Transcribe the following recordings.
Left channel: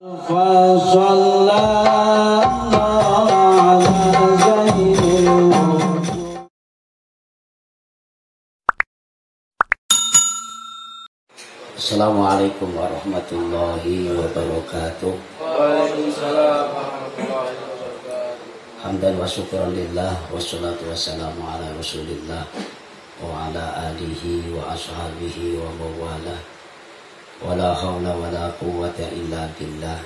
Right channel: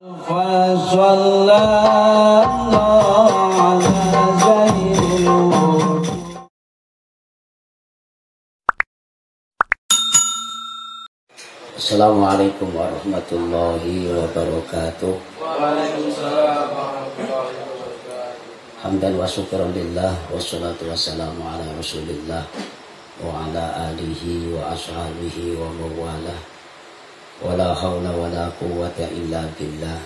Assalamualaikum warahmatullahi wabarakatuh. Hamdan wa syukran lillah wassalatu wassalamu ala rasulillah wa ala alihi wa ashabihi wa mawala wa la hawla wa la quwwata illa billah.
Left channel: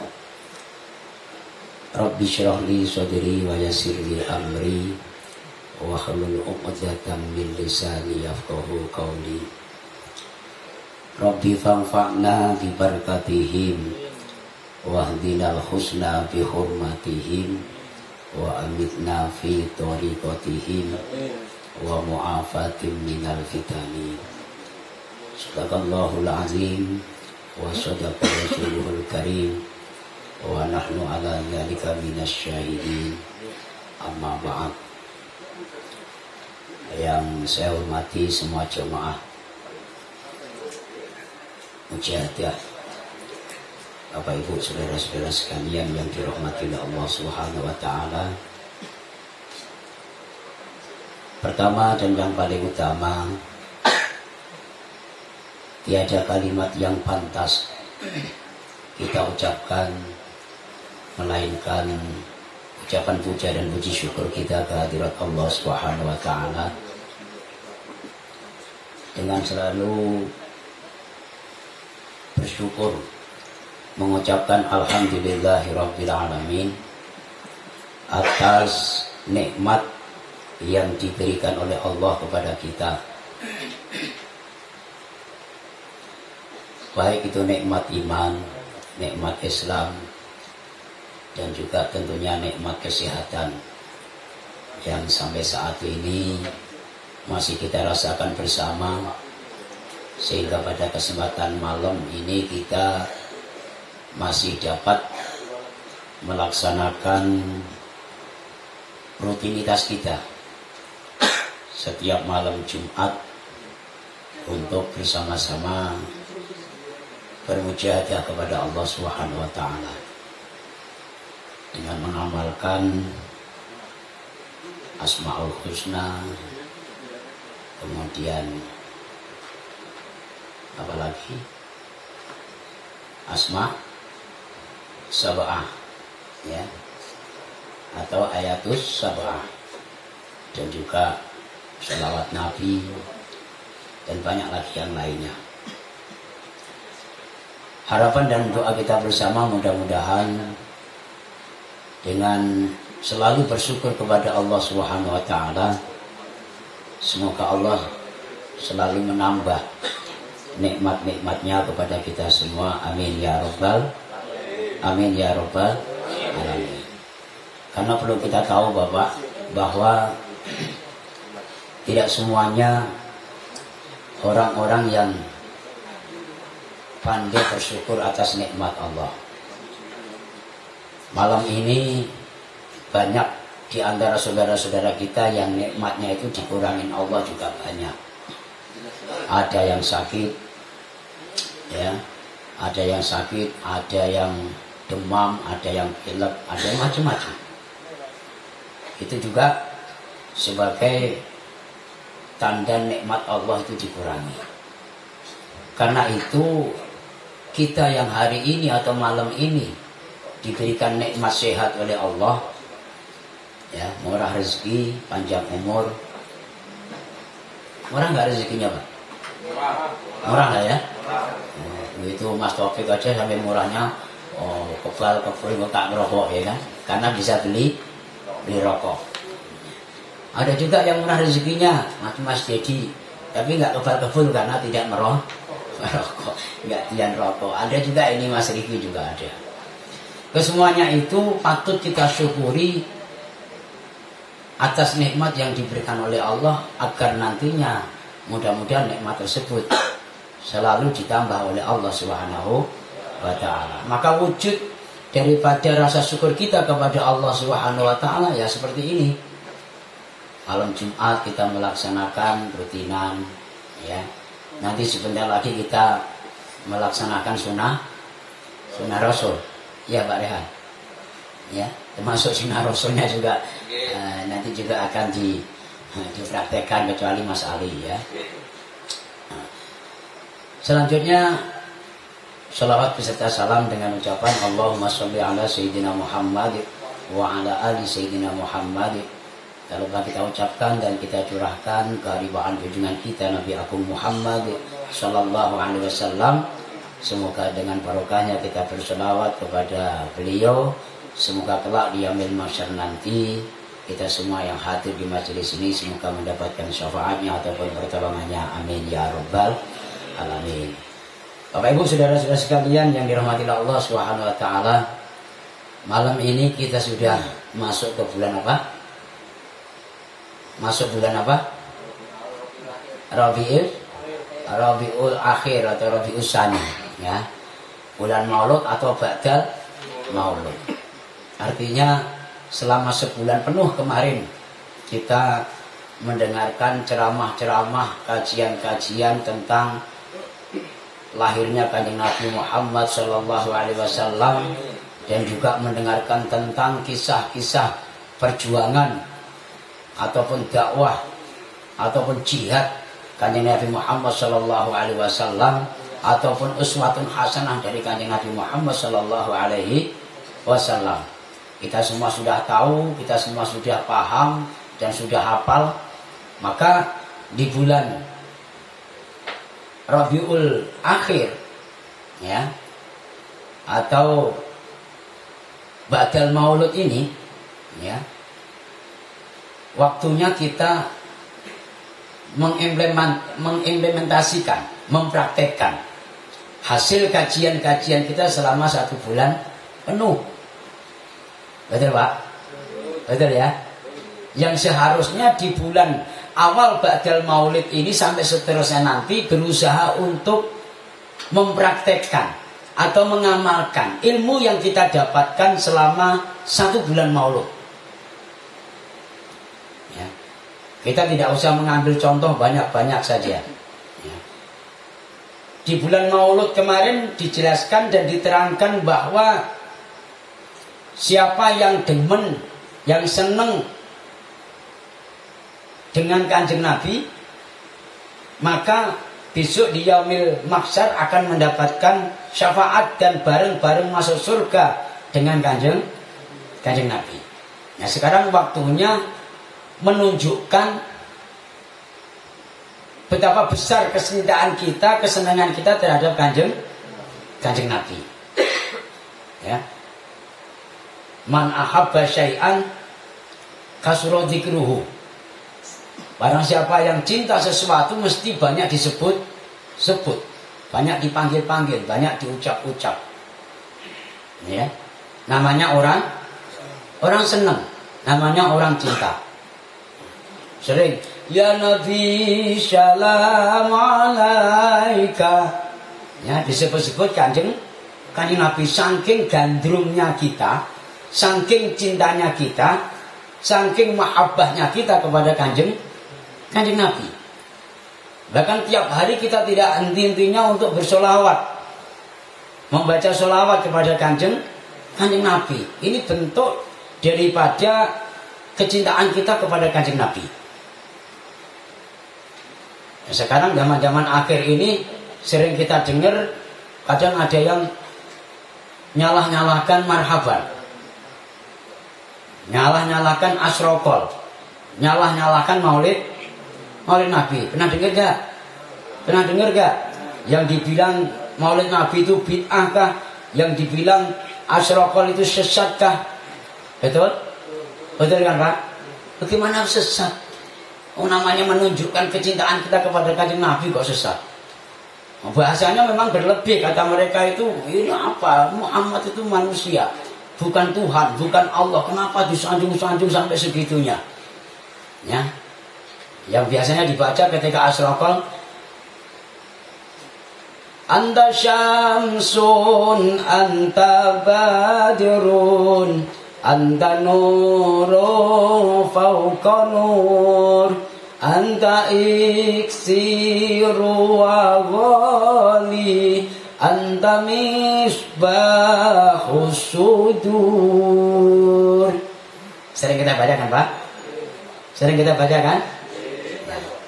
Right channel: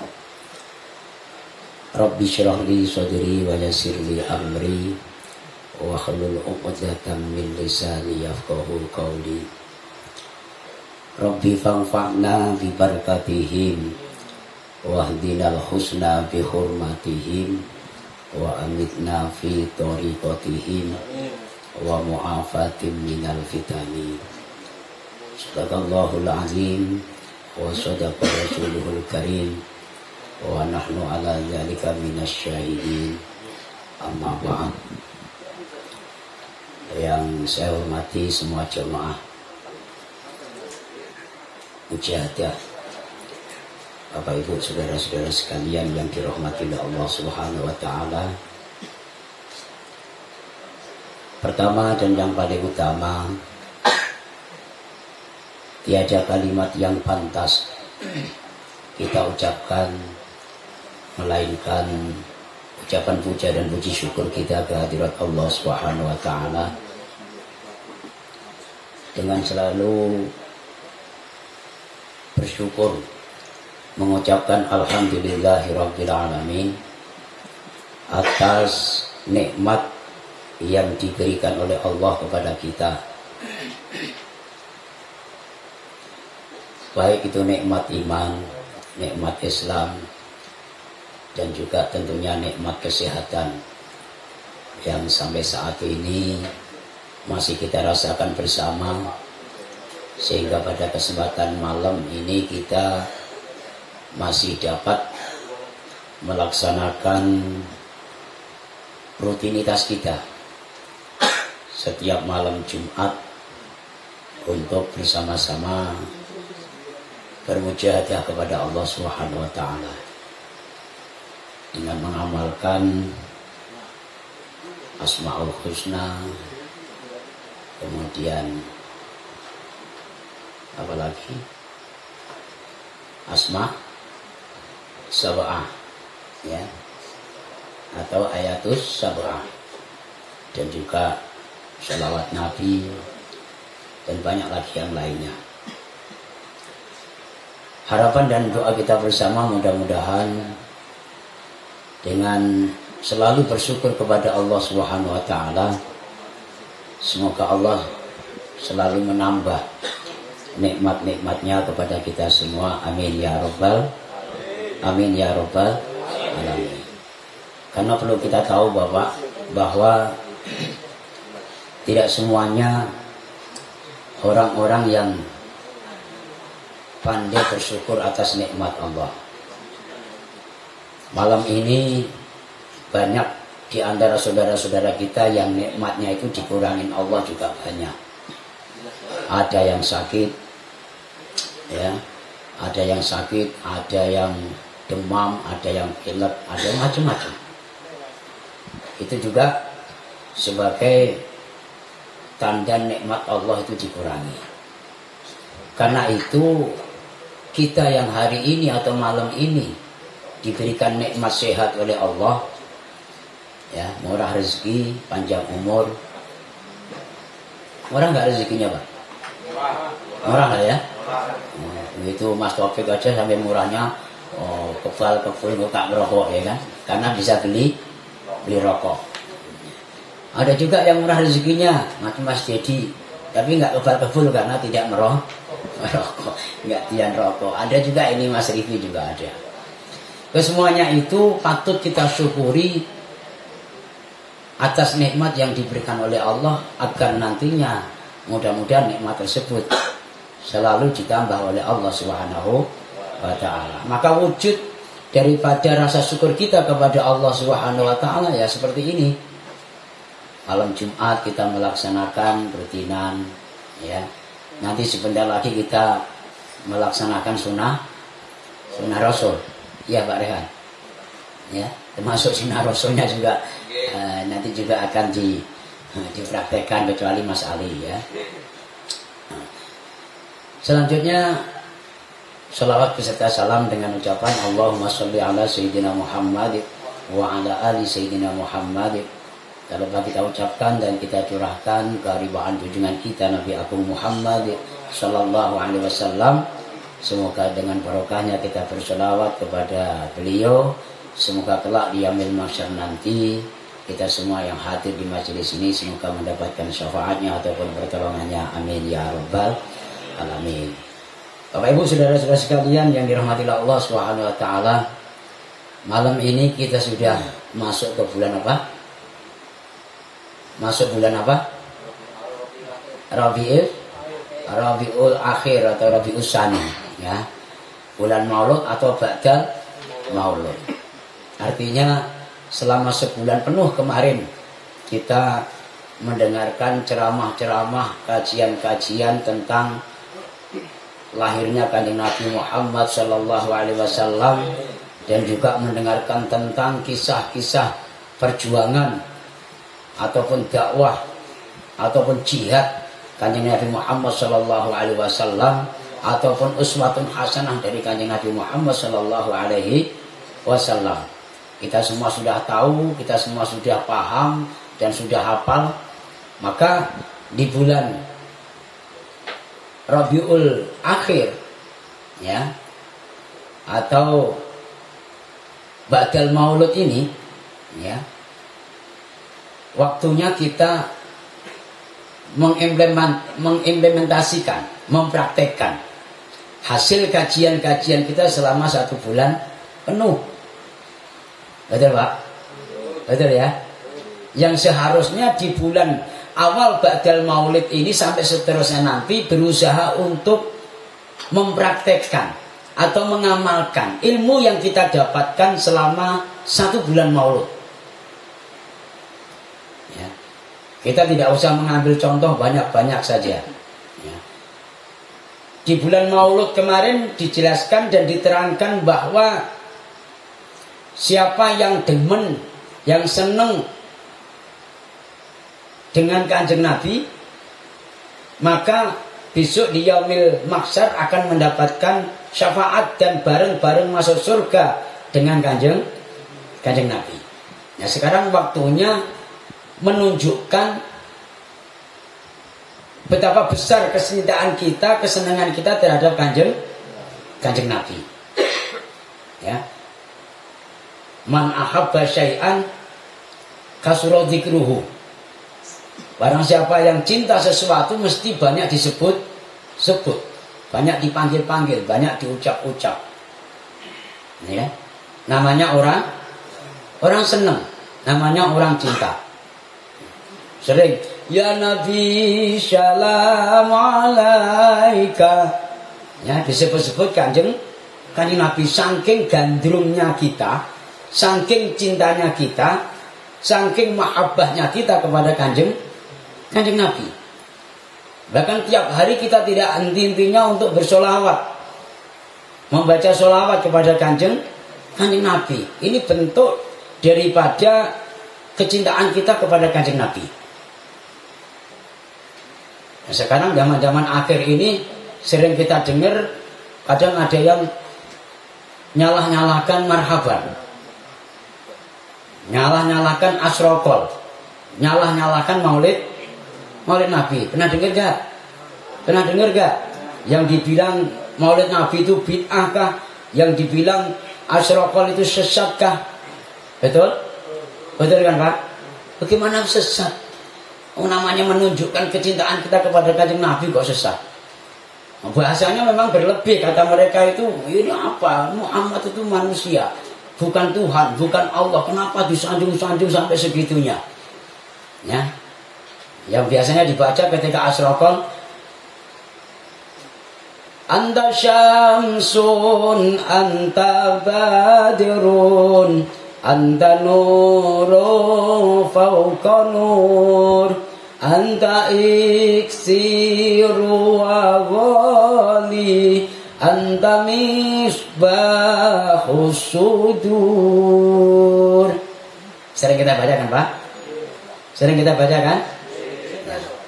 Rabbi syrah li sadri wa yassir li amri wa hlul 'uqdatam min lisani yafqahu qawli. Rabbi fanfa'na bi barakatihim wahdinal husna bi hurmatihim wa amitna fi tariqatihim wa mu'afatim minal fitani. Sadaqallahul azim wa sadaqa rasuluhul karim wa nahnu ala dzalika minasyahidin. Amma ba'd. Yang saya hormati semua jemaah mujahadah, Bapak Ibu saudara-saudara sekalian yang dirahmati oleh Allah Subhanahu wa taala. Pertama dan yang paling utama, tiada kalimat yang pantas kita ucapkan melainkan ucapan puja dan puji syukur kita kehadirat Allah Subhanahu wa taala dengan selalu bersyukur, mengucapkan alhamdulillahirabbil alamin atas nikmat yang diberikan oleh Allah kepada kita, baik itu nikmat iman, nikmat Islam, dan juga tentunya nikmat kesehatan yang sampai saat ini masih kita rasakan bersama, sehingga pada kesempatan malam ini kita masih dapat melaksanakan rutinitas kita setiap malam Jumat untuk bersama-sama bermujahadah kepada Allah Subhanahu wa taala dengan mengamalkan Asmaul Husna, kemudian apalagi Asma Sab'ah, ya, atau Ayatus Sab'ah, dan juga sholawat Nabi dan banyak lagi yang lainnya. Harapan dan doa kita bersama mudah-mudahan dengan selalu bersyukur kepada Allah Subhanahu wa taala, semoga Allah selalu menambah nikmat-nikmatnya kepada kita semua. Amin ya rabbal amin ya rabbal alamin. Karena perlu kita tahu bahwa tidak semuanya orang-orang yang pandai bersyukur atas nikmat Allah. Malam ini banyak di antara saudara-saudara kita yang nikmatnya itu dikurangin Allah juga banyak. Ada yang sakit, ya, ada yang sakit, ada yang demam, ada yang pilek, ada macam-macam. Itu juga sebagai tanda nikmat Allah itu dikurangi. Karena itu kita yang hari ini atau malam ini diberikan nikmat sehat oleh Allah, ya, murah rezeki, panjang umur. Murah nggak rezekinya, Pak? Murah lah ya. Itu Mas Taufik aja sampai murahnya kebal nggak merokok, ya kan? Karena bisa beli rokok. Ada juga yang murah rezekinya macam Mas Dedi, tapi nggak kebal karena tidak merokok, nggak tian rokok. Ada juga ini Mas Rifki juga ada. Kesemuanya itu patut kita syukuri atas nikmat yang diberikan oleh Allah, agar nantinya mudah-mudahan nikmat tersebut selalu ditambah oleh Allah Subhanahu wa taala. Maka wujud daripada rasa syukur kita kepada Allah Subhanahu wa taala ya seperti ini. Malam Jumat kita melaksanakan rutinan, ya. Nanti sebentar lagi kita melaksanakan sunnah Rasul. Ya Pak Rehan. Ya, termasuk sinar rasulnya juga nanti juga akan dipraktekkan kecuali Mas Ali ya. Selanjutnya sholawat beserta salam dengan ucapan Allahumma sholli ala Sayyidina Muhammad wa ala ali Sayyidina Muhammad. Kalau kita ucapkan dan kita curahkan keharibaan junjungan kita Nabi Agung Muhammad Sallallahu Alaihi Wasallam. Semoga dengan barokahnya kita bersolawat kepada beliau. Semoga kelak di yaumil mahsyar nanti kita semua yang hadir di majelis ini semoga mendapatkan syafaatnya ataupun pertolongannya. Amin ya rabbal alamin. Bapak Ibu saudara-saudara sekalian yang dirahmati Allah Subhanahu wa taala, malam ini kita sudah masuk ke bulan apa? Masuk bulan apa? Rabiul Akhir atau Rabiul Tsani ya. Bulan Maulud atau Ba'dal Maulud. Artinya selama sebulan penuh kemarin kita mendengarkan ceramah-ceramah, kajian-kajian tentang lahirnya kanjeng Nabi Muhammad Sallallahu Alaihi Wasallam dan juga mendengarkan tentang kisah-kisah perjuangan ataupun dakwah ataupun jihad kanjeng Nabi Muhammad Sallallahu Alaihi Wasallam ataupun uswatun hasanah dari kanjeng Nabi Muhammad Sallallahu Alaihi Wasallam. Kita semua sudah tahu, kita semua sudah paham dan sudah hafal. Maka di bulan Rabiul Akhir ya atau Ba'dal Maulud ini ya, waktunya kita mengimplementasikan, mempraktekkan hasil kajian-kajian kita selama 1 bulan penuh. Betul Pak? Betul ya? Yang seharusnya di bulan awal Ba'dal Maulid ini sampai seterusnya nanti berusaha untuk mempraktekkan atau mengamalkan ilmu yang kita dapatkan selama 1 bulan Maulud. Ya. Kita tidak usah mengambil contoh banyak-banyak saja. Ya. Di bulan Maulud kemarin dijelaskan dan diterangkan bahwa siapa yang demen, yang seneng dengan kanjeng Nabi, maka besok di yaumil mahsyar akan mendapatkan syafaat dan bareng-bareng masuk surga dengan kanjeng Nabi. Nah sekarang waktunya menunjukkan betapa besar kecintaan kita, kesenangan kita terhadap kanjeng Nabi. Ya. Man ahabba syai'an kasura dzikruhu. Barang siapa yang cinta sesuatu mesti banyak disebut, banyak dipanggil-panggil, banyak diucap-ucap. Ya. Namanya orang senang, namanya orang cinta. Sering, ya Nabi salam alaika. Ya, disebut-sebut kanjeng Nabi, saking gandrungnya kita, saking cintanya kita, saking mahabbahnya kita kepada kanjeng Nabi. Bahkan tiap hari kita tidak henti-hentinya untuk bersolawat, membaca solawat kepada kanjeng Nabi. Ini bentuk daripada kecintaan kita kepada kanjeng Nabi. Nah, sekarang zaman-zaman akhir ini sering kita dengar kadang ada yang nyalah-nyalahkan marhaban, nyalah-nyalahkan asrokol, nyalah-nyalahkan maulid Nabi. Pernah dengar gak? Pernah dengar gak? Yang dibilang maulid Nabi itu bid'ah kah? Yang dibilang asrokol itu sesat kah? Betul? Betul kan Pak? Bagaimana sesat? Namanya menunjukkan kecintaan kita kepada kanjeng Nabi kok sesat? Bahasanya memang berlebih, kata mereka itu, ini apa? Muhammad itu manusia, bukan Tuhan, bukan Allah. Kenapa disanjung-sanjung sampai segitunya? Ya, yang biasanya dibaca ketika asraqal, Anta syamsun, anta badrun, anta nuru fauqa nur, anta iksiru wa ghali, anta misbahus sudur. Sering kita baca kan Pak? Sering kita baca kan?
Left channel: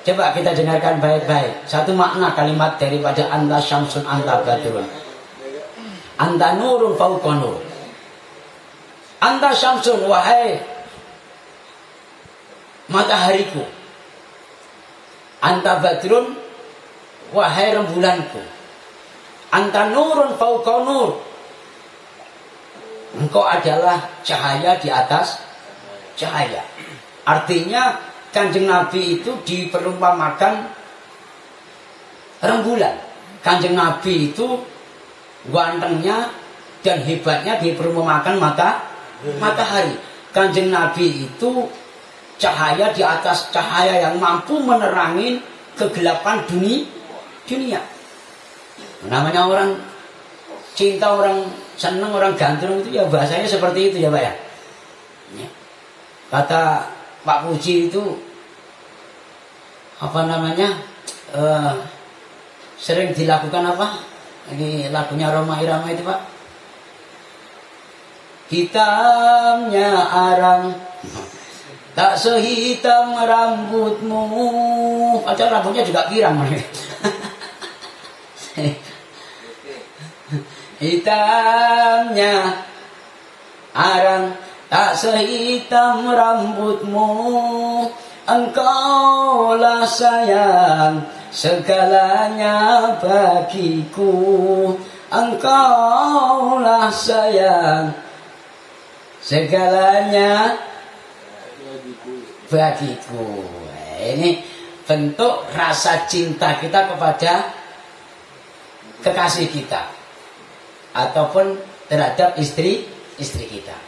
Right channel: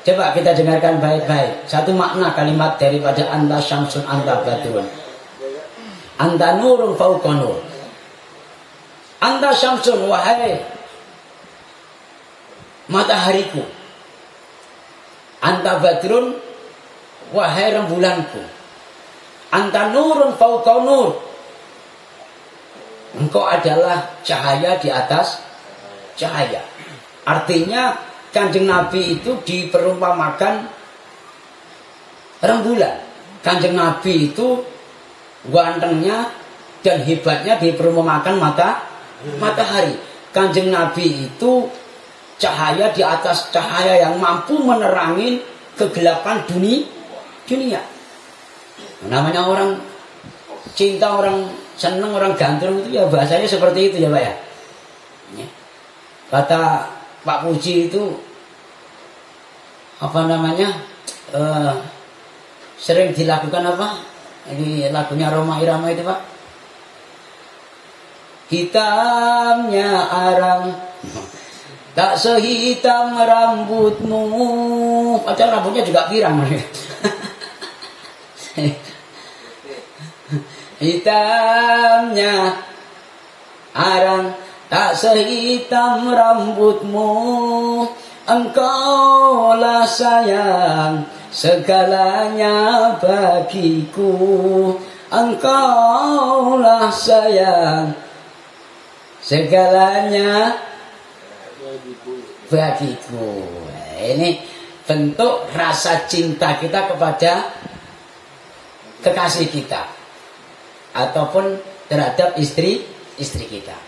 Coba kita dengarkan baik-baik. Satu makna kalimat daripada anta syamsun anta badrun. Anta nurun fauqa nur. Anta syamsun, wahai matahariku. Anta badrun, wahai rembulanku. Anta nurun fauqa nur. Engkau adalah cahaya di atas cahaya. Artinya Kanjeng Nabi itu diperumpamakan rembulan. Kanjeng Nabi itu gantengnya dan hebatnya diperumpamakan matahari. Kanjeng Nabi itu cahaya di atas cahaya yang mampu menerangi kegelapan dunia. Namanya orang cinta, orang senang, orang ganteng itu ya bahasanya seperti itu ya Pak ya. Kata Pak Puji itu apa namanya sering dilakukan apa? Ini lagunya Roma Irama itu Pak. Hitamnya arang tak sehitam rambutmu. Padahal rambutnya juga pirang. Hitamnya arang tak sehitam rambutmu. Engkaulah sayang segalanya bagiku. Engkaulah sayang segalanya bagiku. Ini bentuk rasa cinta kita kepada kekasih kita ataupun terhadap istri kita.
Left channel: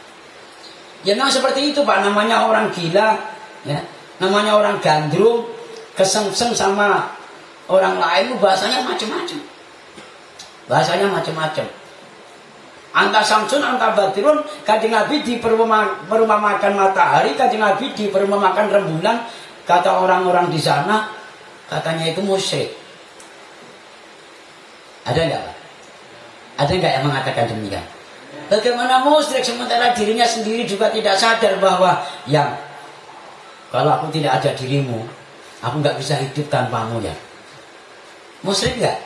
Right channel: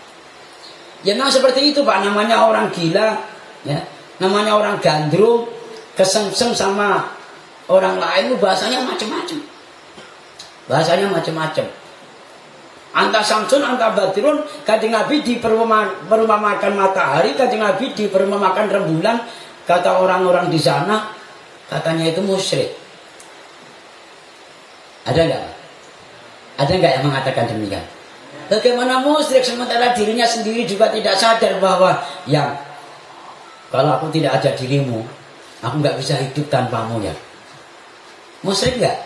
Ya nah seperti itu Pak, namanya orang gila ya. Namanya orang gandrung, kesengsem sama orang lain, bahasanya macam-macam. Bahasanya macam-macam. Anta samsun, anta badrun, Kanjeng Nabi diperumpamakan matahari, Kanjeng Nabi diperumpamakan rembulan. Kata orang-orang di sana, katanya itu musyrik. Ada enggak? Ada enggak yang mengatakan demikian? Bagaimana musyrik sementara dirinya sendiri juga tidak sadar bahwa yang kalau aku tidak ada dirimu, aku nggak bisa hidup tanpamu ya. Musyrik nggak?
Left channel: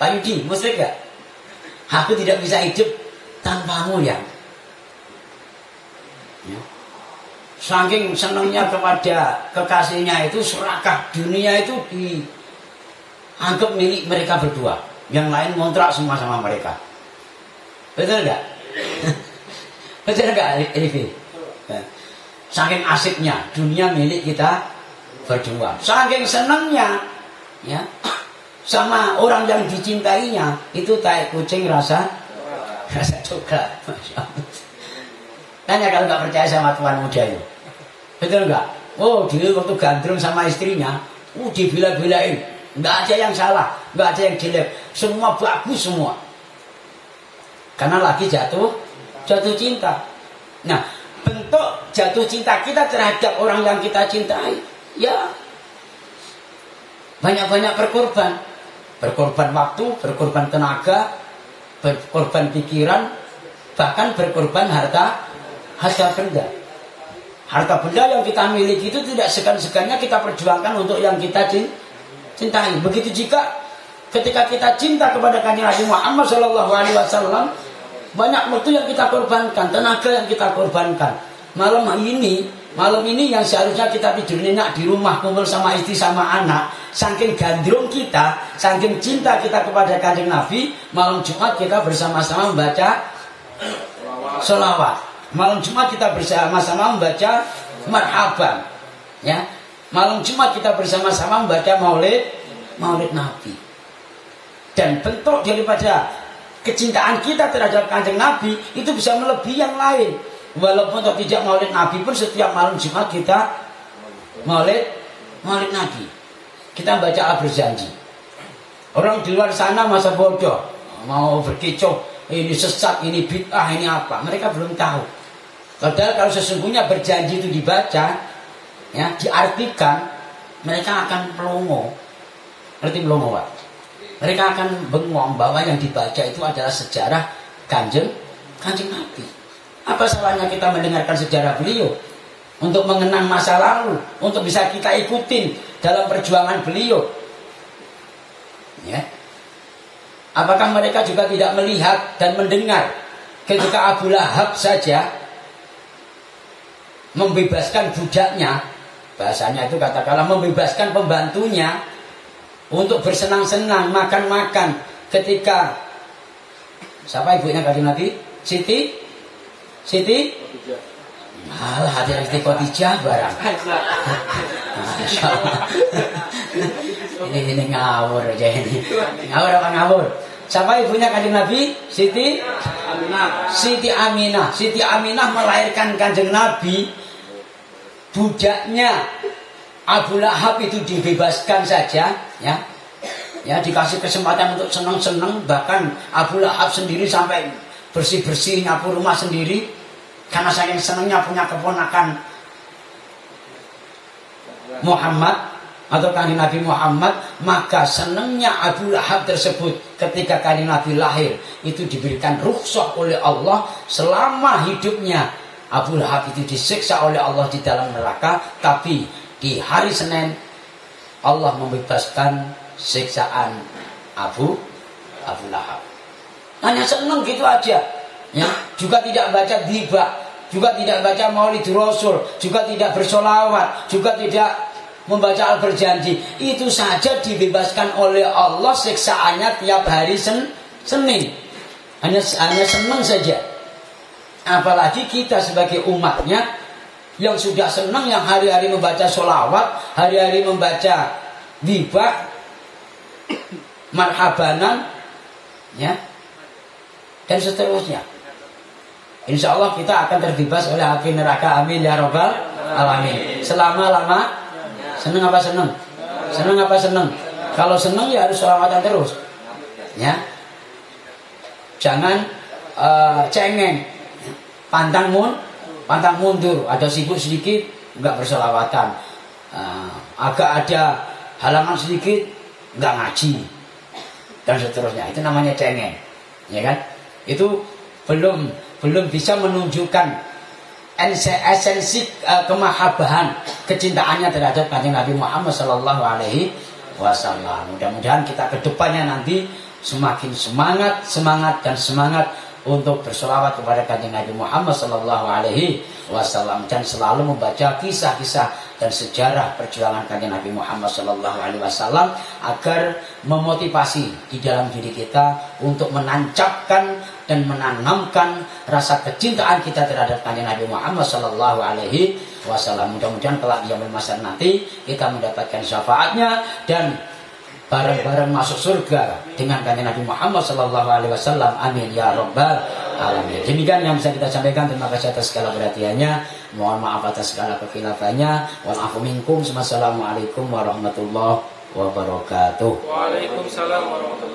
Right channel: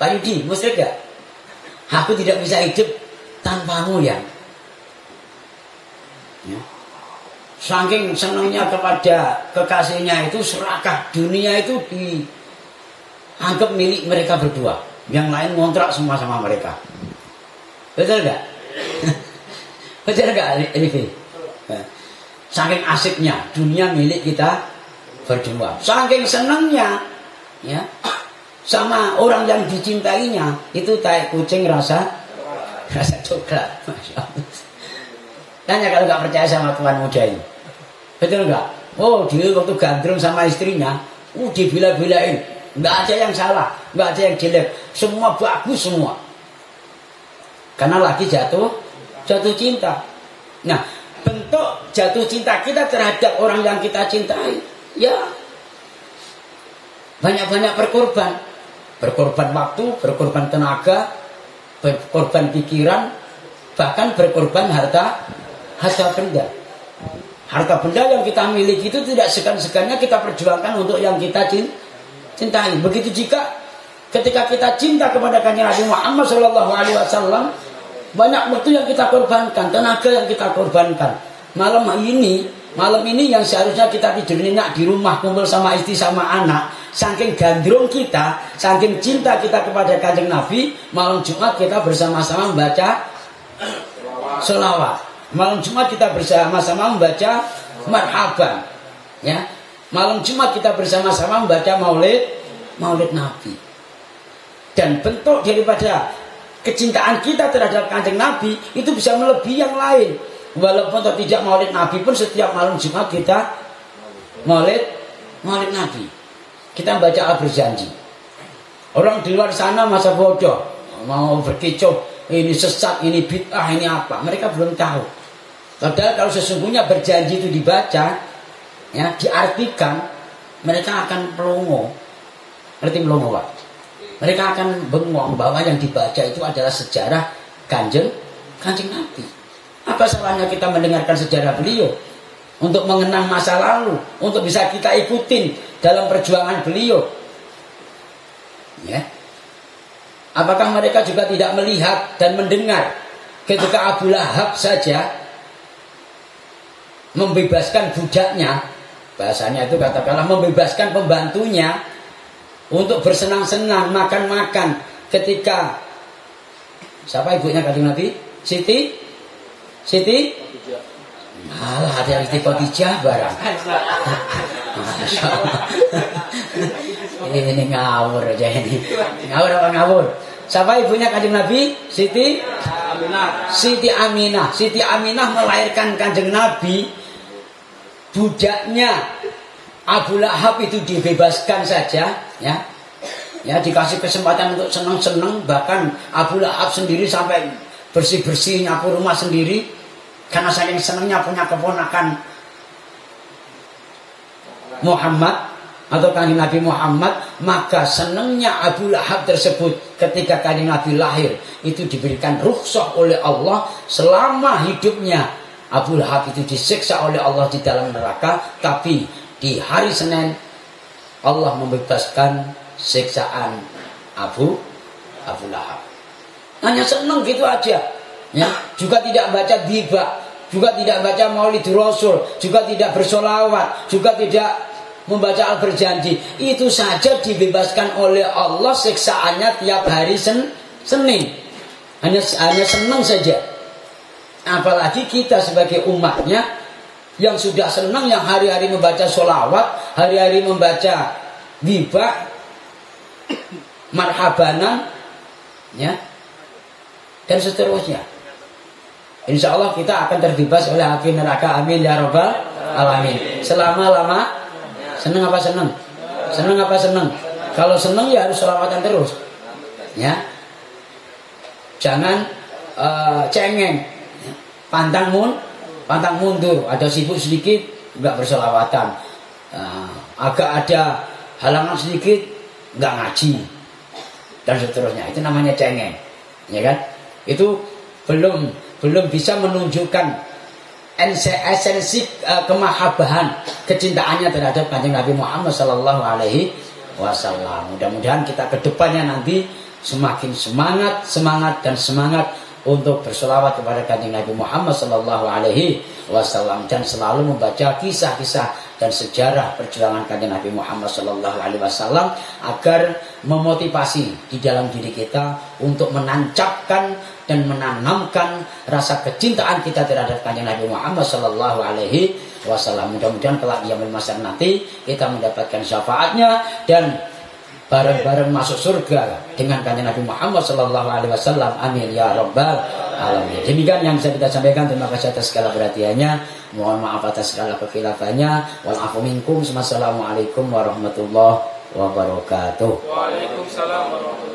Pak Yudi, musyrik nggak? Aku tidak bisa hidup tanpamu ya. Saking senangnya kepada kekasihnya itu serakah, dunia itu dianggap milik mereka berdua. Yang lain ngontrak semua sama mereka. Betul nggak? Betul nggak ini? Saking asiknya dunia milik kita berdua. Saking senangnya ya sama orang yang dicintainya itu tai kucing rasa coklat. Tanya kalau nggak percaya sama tuan muda ini. Betul nggak? Oh dia waktu gandrung sama istrinya, dibila-bilain. Nggak ada yang salah, nggak ada yang jelek, semua bagus semua. Karena lagi jatuh cinta. Nah, bentuk jatuh cinta kita terhadap orang yang kita cintai, ya banyak-banyak berkorban waktu, berkorban tenaga, berkorban pikiran, bahkan berkorban harta benda. Harta benda yang kita miliki itu tidak segan-segannya kita perjuangkan untuk yang kita cintai. Begitu juga ketika kita cinta kepada Kanjeng Nabi Muhammad SAW, banyak waktu yang kita korbankan, tenaga yang kita korbankan. Malam ini yang seharusnya kita tidur nyenyak di rumah, kumpul sama istri sama anak, saking gandrung kita, saking cinta kita kepada Kanjeng Nabi, malam Jumat kita bersama-sama membaca sholawat. Malam Jumat kita bersama-sama membaca marhaban. Ya. Malam Jumat kita bersama-sama membaca maulid Nabi. Dan bentuk daripada kecintaan kita terhadap Kanjeng Nabi itu bisa melebihi yang lain. Walaupun tidak maulid Nabi pun setiap malam Jumat kita maulid Nabi. Kita baca al-berjanji. Orang di luar sana masa bodoh, mau berkicau, ini sesat, ini bid'ah, ini apa. Mereka belum tahu. Padahal kalau sesungguhnya berjanji itu dibaca, ya, diartikan, mereka akan pelongo. Ngerti pelongo, Pak? Mereka akan bengong bahwa yang dibaca itu adalah sejarah Kanjeng Kanjeng Nabi. Apa salahnya kita mendengarkan sejarah beliau, untuk mengenang masa lalu, untuk bisa kita ikutin dalam perjuangan beliau. Ya. Apakah mereka juga tidak melihat dan mendengar ketika Abu Lahab saja membebaskan budaknya, bahasanya itu katakanlah membebaskan pembantunya untuk bersenang-senang, makan-makan ketika siapa ibunya Kanjeng Nabi? Siti? Malah ada Siti Khadijah barang. Masya Allah. Ini ngawur aja ini. Ngawur apa ngawur? Siapa ibunya Kanjeng Nabi? Siti Aminah. Siti Aminah. Siti Aminah melahirkan Kanjeng Nabi. Budaknya Abu Lahab itu dibebaskan saja, ya. Ya, dikasih kesempatan untuk senang-senang, bahkan Abu Lahab sendiri sampai bersih-bersih nyapu rumah sendiri karena saking senangnya punya keponakan Muhammad atau Kanjeng Nabi Muhammad. Maka senangnya Abu Lahab tersebut ketika Kanjeng Nabi lahir itu diberikan rukhsah oleh Allah selama hidupnya. Abu Lahab itu disiksa oleh Allah di dalam neraka, tapi di hari Senin Allah membebaskan siksaan Abu Lahab. Hanya senang gitu aja, ya. Juga tidak baca ghibah, juga tidak baca Maulid Rasul, juga tidak bersolawat, juga tidak membaca Al-Berjanji. Itu saja dibebaskan oleh Allah siksaannya tiap hari Senin. Hanya senang saja. Apalagi kita sebagai umatnya yang sudah senang, yang hari-hari membaca solawat, hari-hari membaca ghibah, marhabanan, ya, dan seterusnya. Insya Allah kita akan terbebas oleh api neraka. Amin ya rabbal alamin. Selama-lama. Senang apa senang? Senang apa senang? Kalau senang ya harus sholawatan terus, ya. Jangan cengeng, pantang mundur. Ada sibuk sedikit nggak bersolawatan, agak ada halangan sedikit nggak ngaji, dan seterusnya. Itu namanya cengeng, ya kan? Itu belum bisa menunjukkan esensi kemahabahan, kecintaannya terhadap Kanjeng Nabi Muhammad Sallallahu Alaihi Wasallam. Mudah-mudahan kita kedepannya nanti semakin semangat untuk berselawat kepada Kanjeng Nabi Muhammad Sallallahu Alaihi Wasallam dan selalu membaca kisah-kisah dan sejarah perjuangan Kanjeng Nabi Muhammad Sallallahu Alaihi Wasallam agar memotivasi di dalam diri kita untuk menancapkan dan menanamkan rasa kecintaan kita terhadap Kanjeng Nabi Muhammad Sallallahu Alaihi Wasallam. Mudah-mudahan kelak di yaumil mahsyar nanti kita mendapatkan syafaatnya dan bareng-bareng masuk surga dengan Kanjeng Nabi Muhammad Sallallahu Alaihi Wasallam. Amin ya rabbal alamin. Demikian yang bisa kita sampaikan. Terima kasih atas segala perhatiannya. Mohon maaf atas segala kekhilafan. Wa'afu minkum. Wassalamualaikum warahmatullahi wabarakatuh. Waalaikumsalam warahmatullahi wabarakatuh.